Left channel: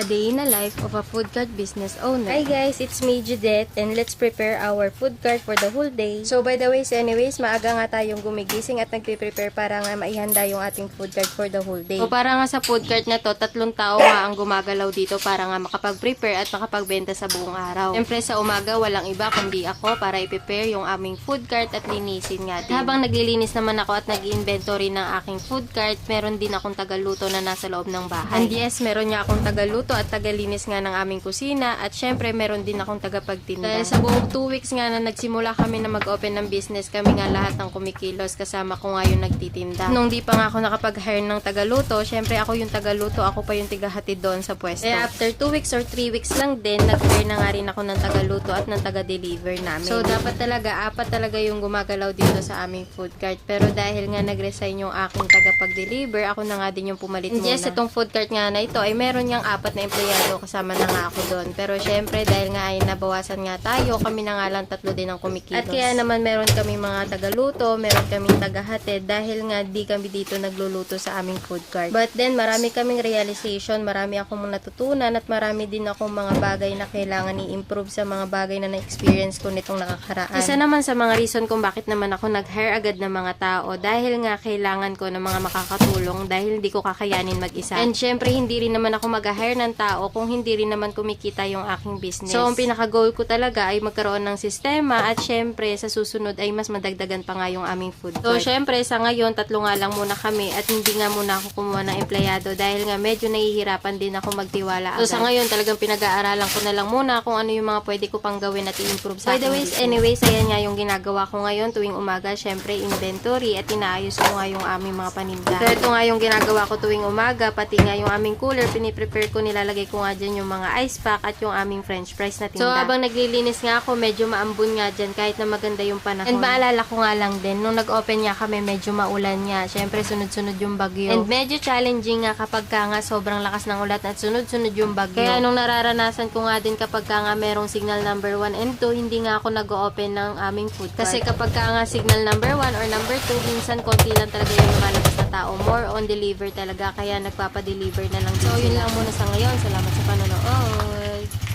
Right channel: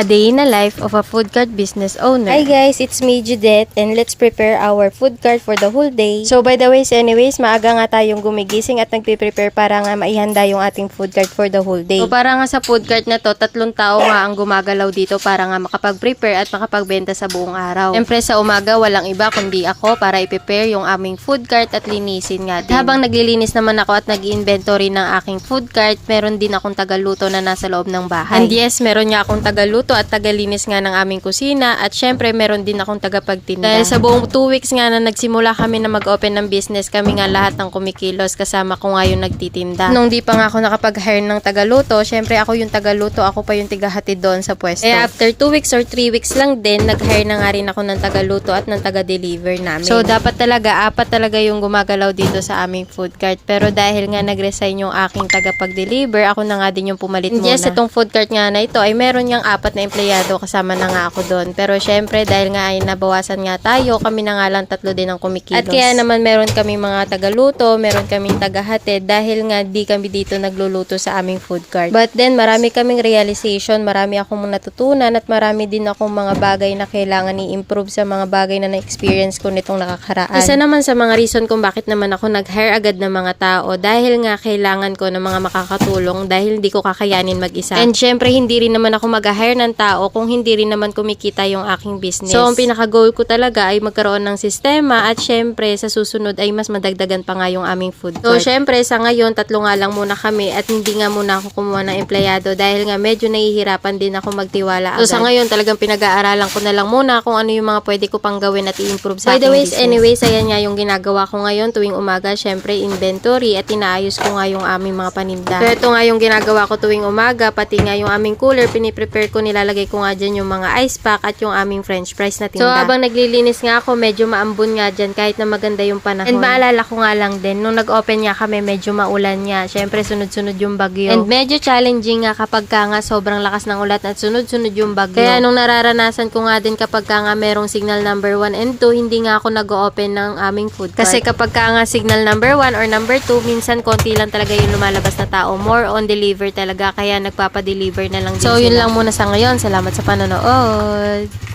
A day in the life of a food cart business owner. Hi guys, it's me Judette and let's prepare our food cart for the whole day. So by the way, anyways, maaga nga tayong gumigising at nagpe-prepare para nga maihanda yung ating food cart for the whole day. So para nga sa food cart na to, 3 tao nga ang gumagalaw dito para nga makapag-prepare at makapagbenta sa buong araw. Siyempre sa umaga, walang iba kundi ako para i-prepare yung aming food cart at linisin nga din. Habang naglilinis naman ako at nag-inventory ng aking food cart, meron din akong tagaluto na nasa loob ng bahay. And yes, meron nga akong tagaluto at tagalinis nga ng aming kusina at syempre meron din akong tagapagtinda. Dahil sa buong 2 weeks nga na nagsimula kami na mag-open ng business, kami nga lahat ng kumikilos kasama ko nga yung nagtitinda. Nung di pa nga ako nakapag-hire ng tagaluto, syempre ako yung tagaluto, ako pa yung tigahatid doon sa pwesto. Eh after 2 weeks or 3 weeks lang din, nag-hire na nga rin ako ng tagaluto at ng taga-deliver namin. So dapat talaga, 4 talaga yung gumagalaw dito sa aming food cart. Pero dahil nga nag-resign yung aking tagapag-deliver, ako na nga din yung pumalit muna. Yes, itong food cart nga na ito ay meron niyang 4 na empleyado, kasama na nga ako doon. Pero syempre dahil nga ay nabawasan nga tayo, kami na nga lang 3 din ang kumikilos. At kaya naman meron kami mga tagaluto, meron kaming tagahatid dahil nga di kami dito nagluluto sa aming food cart. But then marami kaming realization, marami akong natutunan at marami din akong mga bagay na kailangan i-improve sa mga bagay na na-experience ko nitong nakakaraan. Isa naman sa mga reason kung bakit naman ako nag-hire agad ng mga tao dahil nga kailangan ko ng mga makakatulong dahil hindi ko kakayanin mag-isa. And syempre hindi rin naman ako mag-hire ng tao kung hindi rin naman kumikita yung aking business. So ang pinaka-goal ko talaga ay magkaroon ng sistema at syempre sa susunod ay mas madagdagan pa nga yung aming food cart. So syempre sa ngayon 3 nga lang muna kami at hindi nga muna ako kumuha ng empleyado dahil nga medyo nahihirapan din ako magtiwala agad. So sa ngayon talagang pinag-aaralan ko na lang muna kung ano yung mga pwede ko pang gawin at i-improve sa aking business. Anyways, ayan nga yung ginagawa ko ngayon tuwing umaga, syempre inventory at inaayos ko nga yung aming mga paninda. So ito nga yung ginagawa ko tuwing umaga, pati nga yung aming cooler, piniprepare ko, nilalagay ko nga dyan yung mga ice pack at yung aming french fries na tinda. So habang naglilinis nga ako, medyo maambon nga dyan kahit na maganda yung panahon. And maalala ko nga lang din, nung nag-open nga kami, medyo maulan nga. Syempre sunod-sunod yung bagyo. And medyo challenging nga kapag ka nga sobrang lakas ng ulan at sunod-sunod yung bagyo. Kaya nung nararanasan ko nga din kapag ka nga merong signal number 1 and 2, hindi nga ako nag-open ng aming food cart. Kasi kapag ka nga signal number 1 or number 2, minsan konti lang talaga yung lumalabas na tao. More on deliver talaga, kaya nagpapa-deliver na lang din. So yun lang muna sa ngayon. Salamat sa panonood.